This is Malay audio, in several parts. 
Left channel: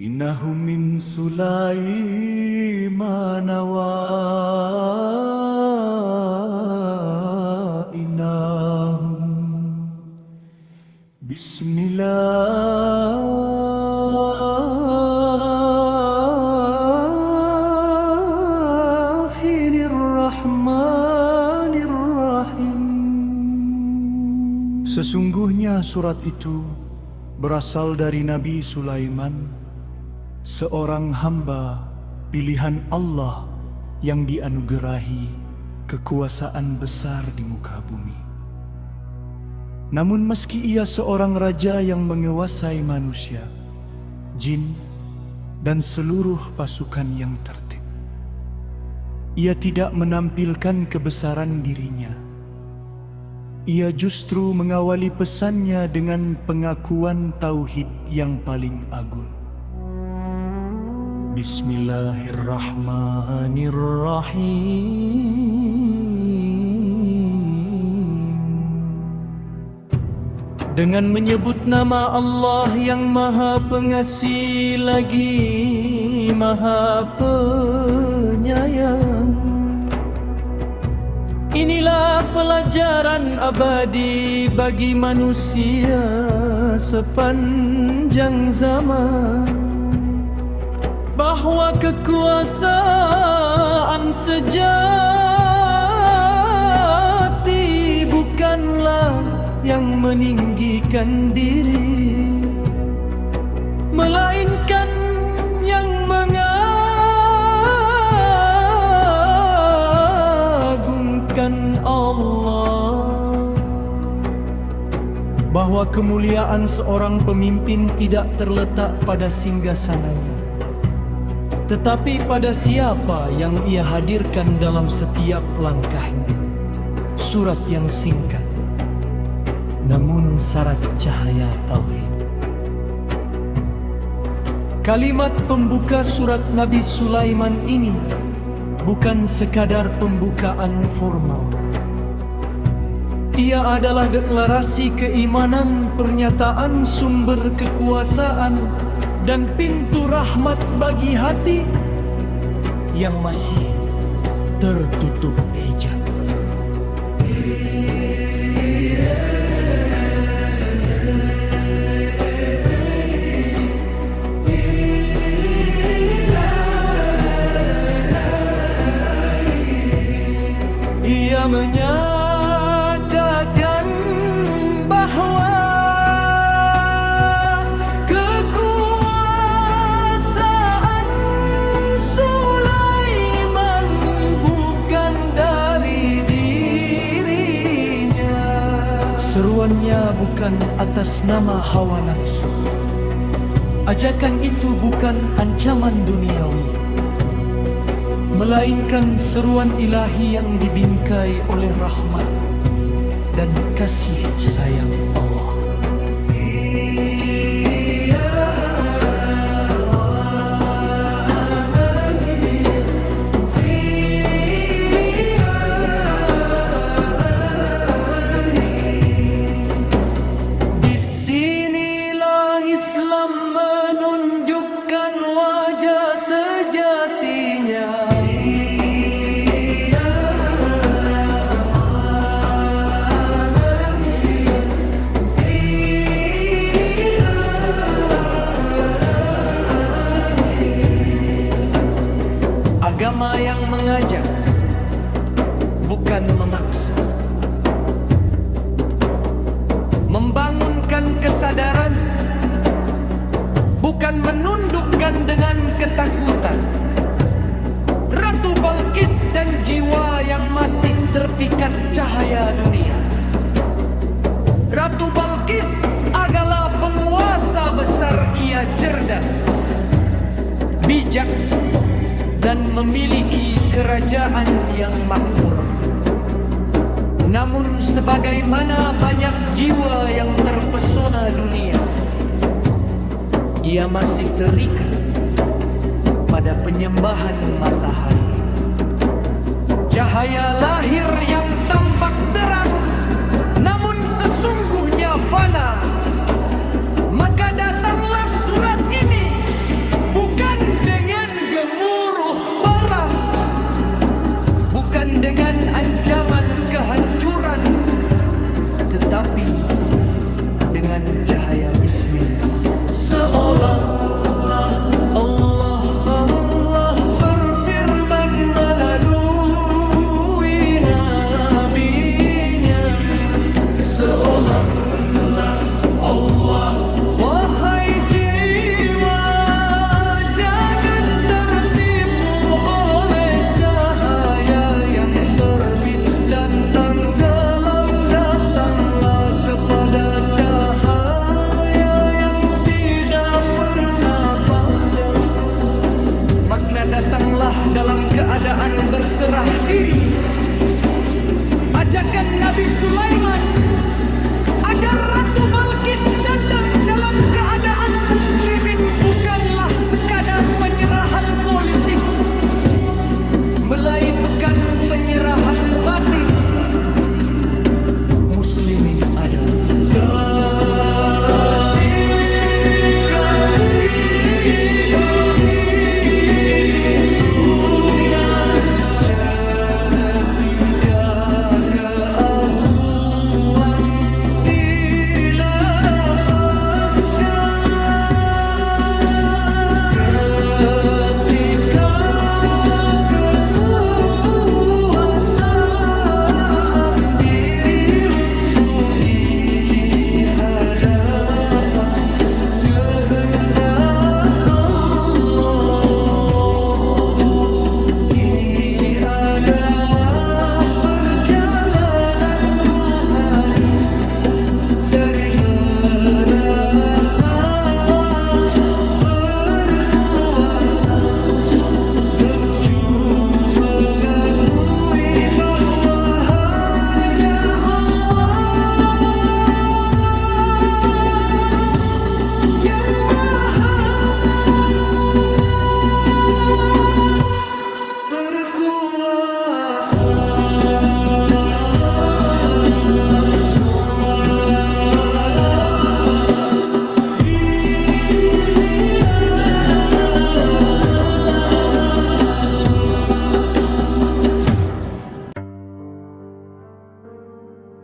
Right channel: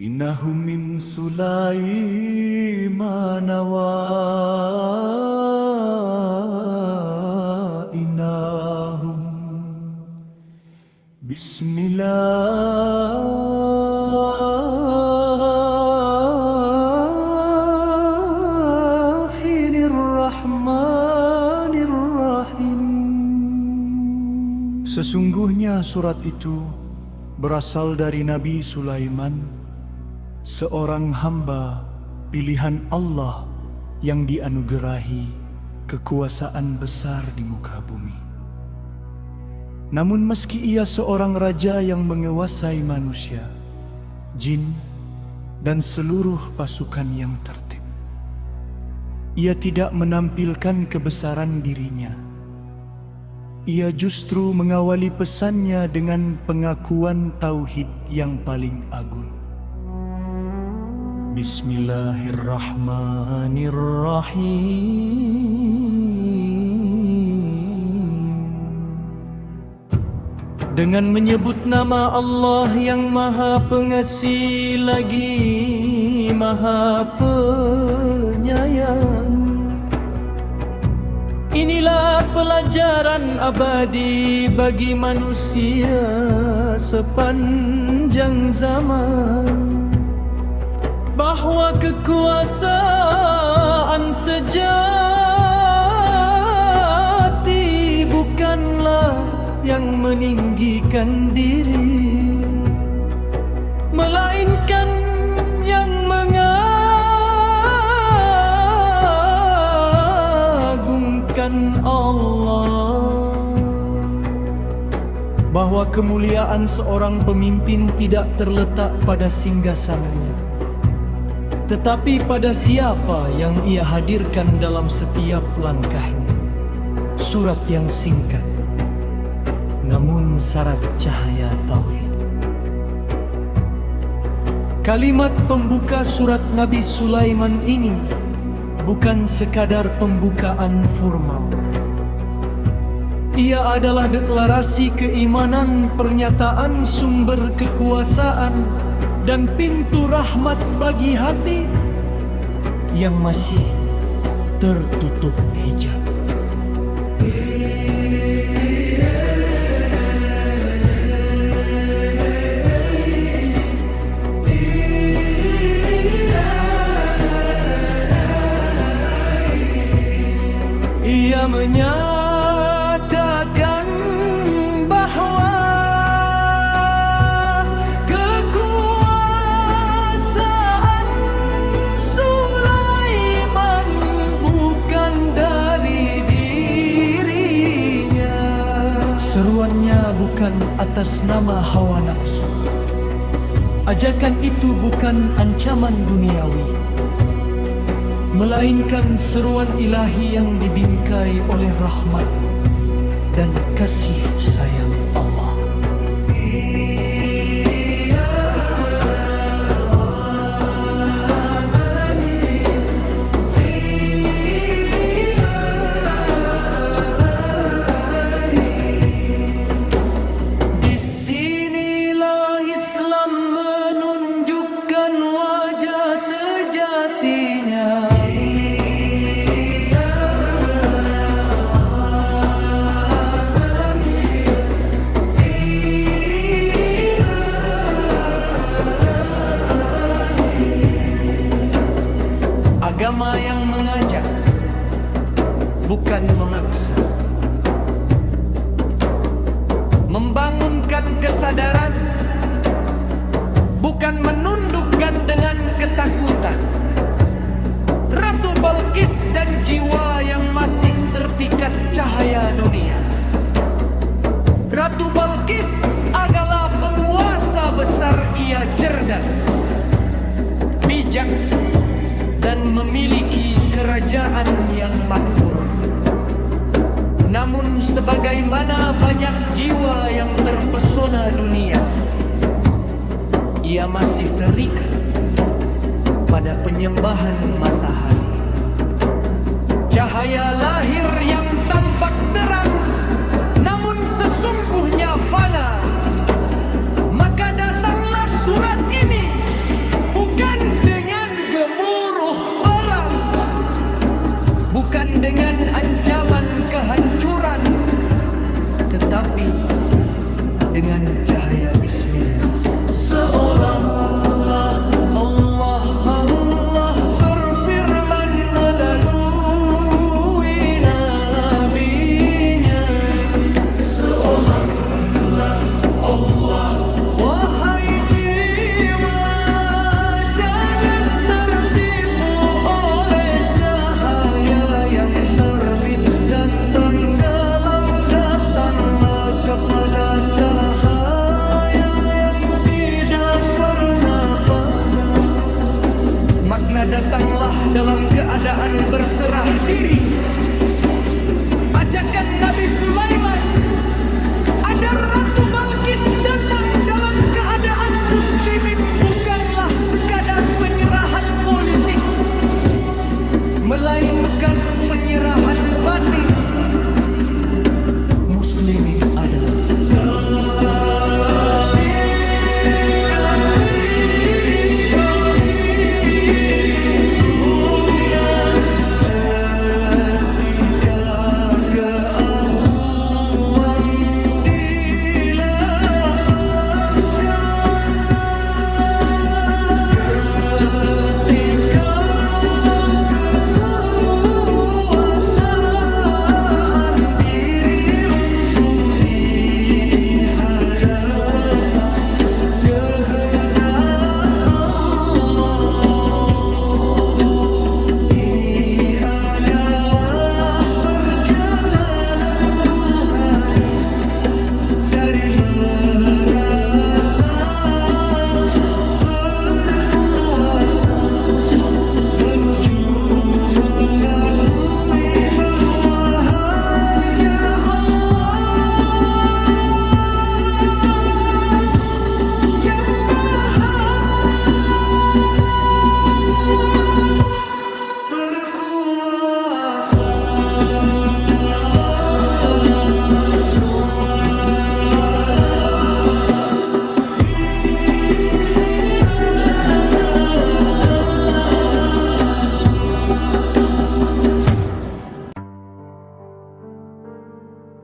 إنه من سليمان وإنه بسم الله الرحمن الرحيم. Sesungguhnya surat itu berasal dari Nabi Sulaiman, seorang hamba pilihan Allah yang dianugerahi kekuasaan besar di muka bumi. Namun meski ia seorang raja yang menguasai manusia, jin, dan seluruh pasukan yang tertib, ia tidak menampilkan kebesaran dirinya. Ia justru mengawali pesannya dengan pengakuan tauhid yang paling agung. Bismillahirrahmanirrahim. Dengan menyebut nama Allah yang Maha Pengasih lagi Maha Penyayang. Inilah pelajaran abadi bagi manusia sepanjang zaman, bahwa kekuasaan sejati bukanlah yang meninggikan diri, melainkan yang mengagungkan Allah. Bahwa kemuliaan seorang pemimpin tidak terletak pada singgasananya, tetapi pada siapa yang ia hadirkan dalam setiap langkahnya. Surat yang singkat, namun syarat cahaya tauhid. Kalimat pembuka surat Nabi Sulaiman ini bukan sekadar pembukaan formal. Ia adalah deklarasi keimanan, pernyataan sumber kekuasaan, dan pintu rahmat bagi hati yang masih tertutup hijab. Ia menyatakan bahwa kekuasaan Sulaiman bukan dari dirinya. Seruannya bukan atas nama hawa nafsu. Ajakan itu bukan ancaman duniawi, melainkan seruan ilahi yang dibingkai oleh rahmat dan kasih sayang Allah. Disinilah Islam menunjukkan wajah sejatinya. Agama yang mengajak, bukan memaksa. Membangunkan kesadaran, bukan menundukkan dengan ketakutan. Ratu Balqis dan jiwa yang masih terpikat cahaya dunia. Ratu Balqis adalah penguasa besar. Ia cerdas, bijak, dan memiliki kerajaan yang makmur. Namun sebagaimana banyak jiwa yang terpesona dunia, ia masih terikat pada penyembahan matahari. Cahaya lahir yang tampak terang, namun sesungguhnya fana. Maka datanglah surat ini menyuruh perang, bukan dengan ancaman kehancuran, tetapi dengan cahaya bismillah. Seolah-olah Allah berfirman melalui nabinya. Seolah-olah Allah, wahai jiwa, jangan tertipu oleh cahaya yang terbit dan tenggelam. Datanglah kepada cahaya yang tidak pernah padam. Makna datanglah dalam keadaan berserah diri. Ajakan Nabi Sulaiman, ada Ratu Balkis datang dalam keadaan muslimin, bukanlah sekadar penyerahan politik, melainkan penyerahan batin. Muslimin adalah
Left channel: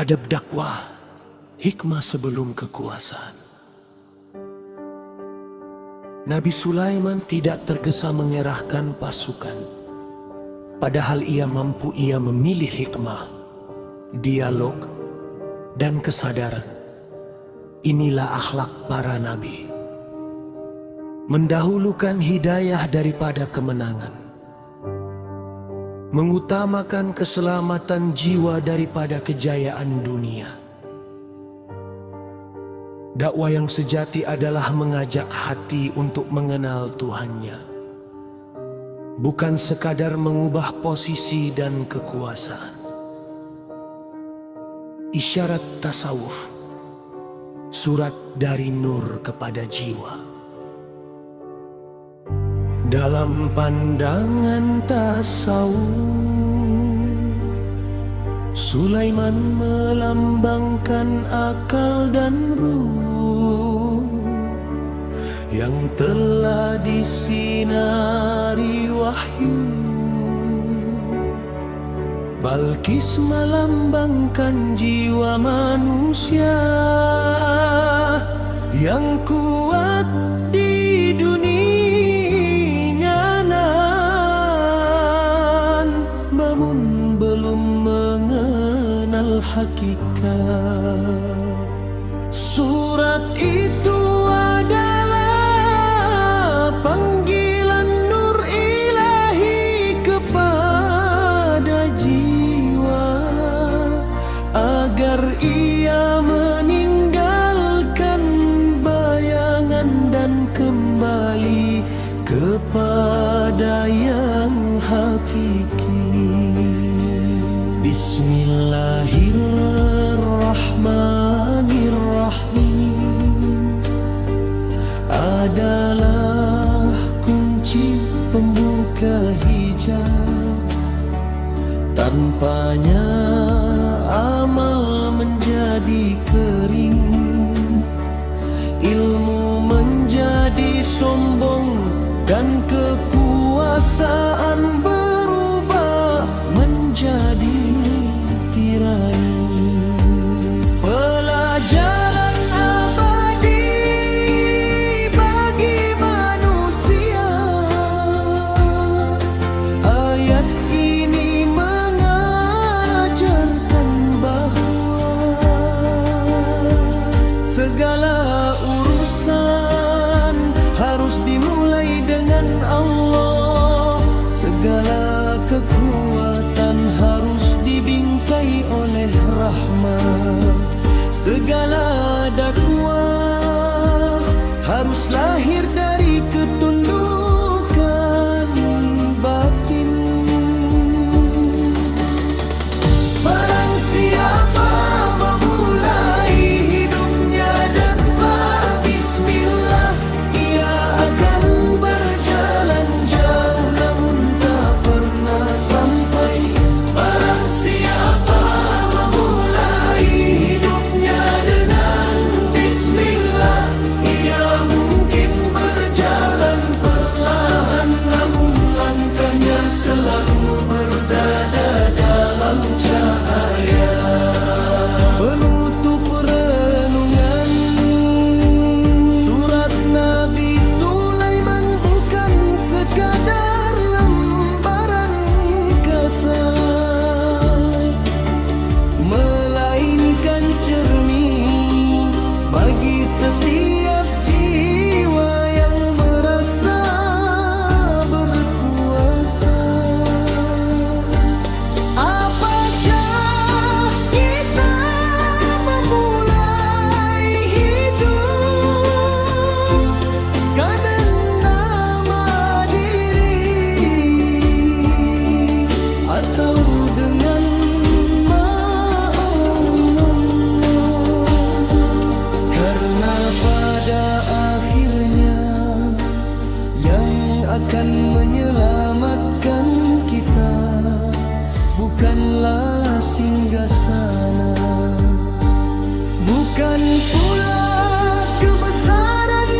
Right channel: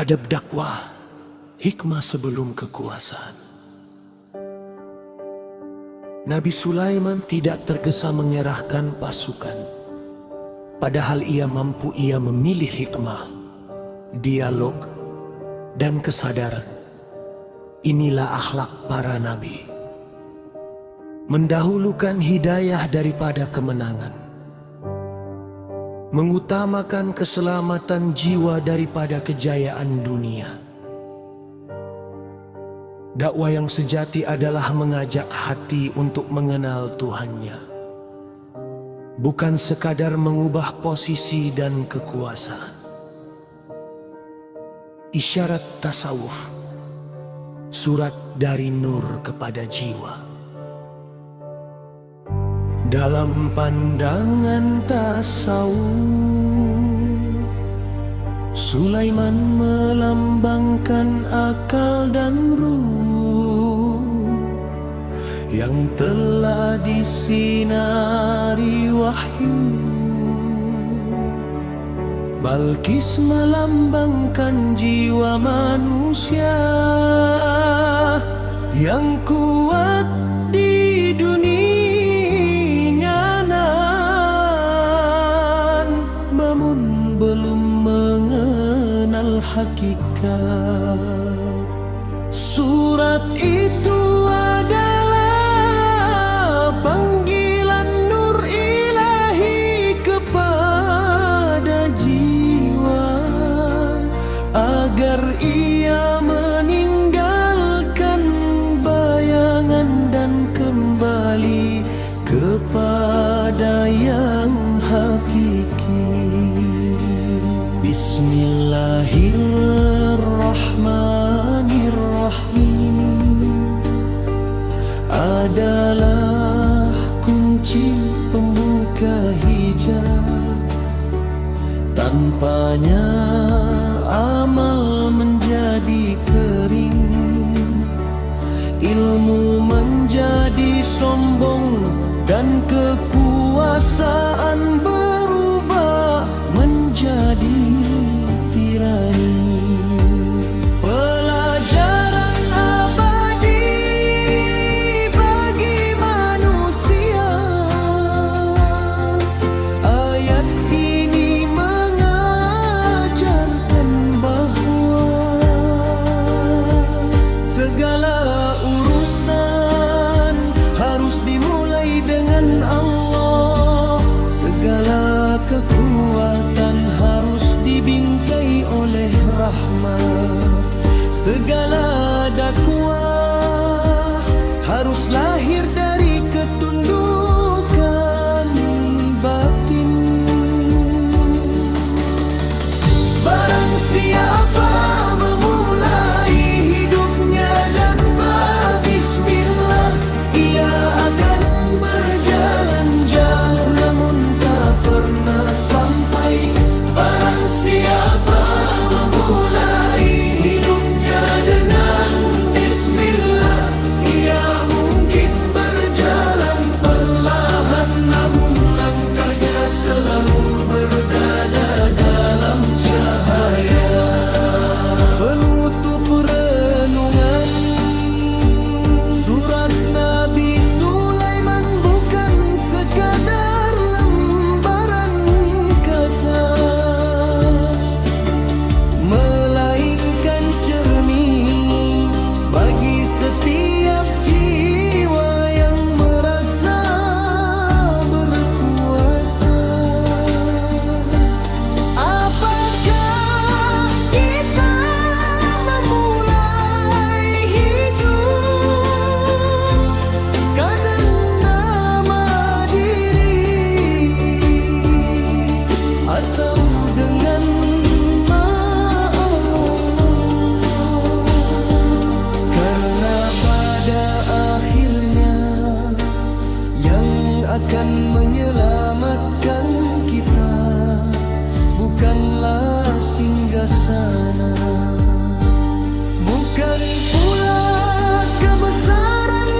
adab dakwah, hikmah sebelum kekuasaan. Nabi Sulaiman tidak tergesa mengerahkan pasukan, padahal ia memilih hikmah, dialog, dan kesadaran. Inilah akhlak para nabi, mendahulukan hidayah daripada kemenangan, mengutamakan keselamatan jiwa daripada kejayaan dunia. Dakwah yang sejati adalah mengajak hati untuk mengenal Tuhannya, bukan sekadar mengubah posisi dan kekuasaan. Isyarat tasawuf, surat dari Nur kepada jiwa. Dalam pandangan tasawuf, Sulaiman melambangkan akal dan ruh yang telah disinari wahyu. Balkis melambangkan jiwa manusia yang kuat di dunia. Namun belum mengenal hakikat. Surat itu adalah panggilan nur ilahi kepada jiwa, agar ia meninggalkan bayangan dan kembali kepada yang hakiki. Bismillahirrahmanirrahim adalah kunci pembuka hijab. Tanpanya amal menjadi kering, ilmu menjadi sombong, dan kekuatan kekuasaan berubah menjadi tirani. Pelajaran abadi bagi manusia. Ayat ini mengajarkan bahwa segala urusan harus dimulai dengan Allah. Segala kekuatan harus dibingkai oleh rahmat. Segala dakwah harus lahir dari ketundukan batin. Barang siapa memulai hidupnya tanpa bismillah, ia akan berjalan jauh namun tak pernah sampai. Barang siapa memulai hidupnya dengan bismillah, ia mungkin berjalan perlahan namun langkahnya selalu berdada dalam cahaya. Penutup renungan surat Nabi Sulaiman bukan sekadar lembaran kata, melainkan cermin bagi setiap jiwa yang merasa berkuasa. Apakah kita memulai hidup karena nama diri atau dengan karena pada akhirnya yang akan menyelamatkan kita bukanlah singgasana, bukan pula kebesaran